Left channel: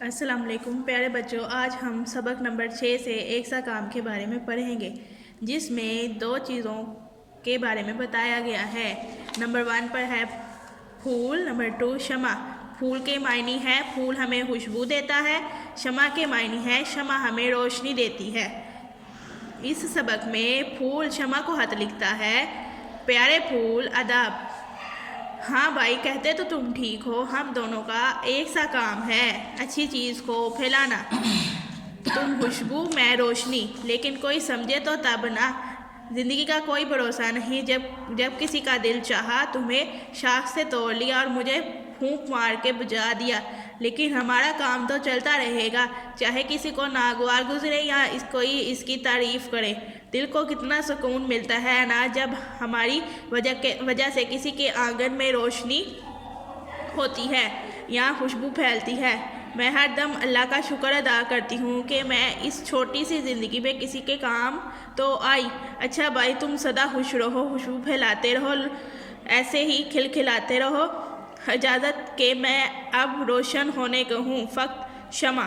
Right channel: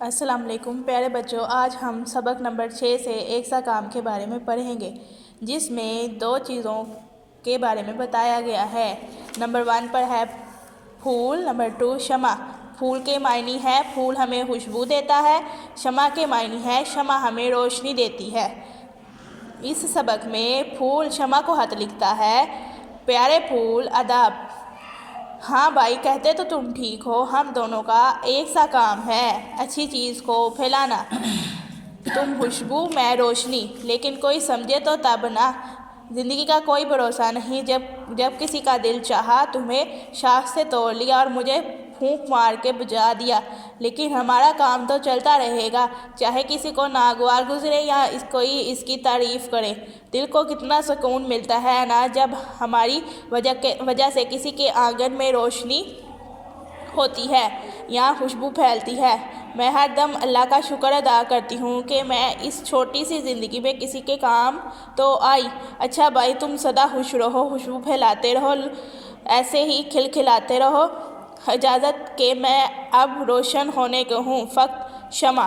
السلام علیکم پیارے بچوں، آج ہم سبق نمبر 6 سے ایک سا کام کے بارے میں پڑھیں گے، جس میں 2 چیزوں کے بارے میں بتایا گیا ہے۔ نمبر 1 پر ہے پھول، نمبر 2 شمع۔ پھول کے معنی ہے پھول ہمیں خوشبو دیتا ہے، شمع کے معنی ہے شمع ہمیں روشنی دیتی ہے۔ اس سبق میں پھول شمع کو خط لکھتا ہے، پیارے پھول آداب۔ ہاں بھائی، کہتے تو تم ٹھیک ہو، ہم دونوں کا ایک سا کام ہے، اچھی چیز کو پھیلانا۔ تم خوشبو، میں روشنی، لیکن کوئی سمجھے تو تب نا۔ زندگی کا کوئی بھروسہ نہیں، جب کسی کا دل چاہا تمہیں شاخ سے توڑ لیا اور مجھے پھونک مار کے بجھا دیا، لیکن ہمارا کام تو چلتا رہے گا، چاہے کسی کو ناگوار گزرے یا کوئی اس کی تعریف کرے۔ دل کو کتنا سکون ملتا ہے نا جب ہماری وجہ سے کسی کے آنگن میں روشنی ہوتی ہے یا خوشبو پھیلتی ہے۔ میں ہر دم اللہ کا شکر ادا کرتی ہوں کہ میں اس چھوٹی سی زندگی میں کسی کے کام تو آئی۔ اچھا بھائی، تم سدا خوش رہو، خوشبو پھیلاتے رہو، ایسے ہی کھلکھلاتے رہو۔ اجازت کہ میں اب روشن ہونے کو ہوں، فقط شمع۔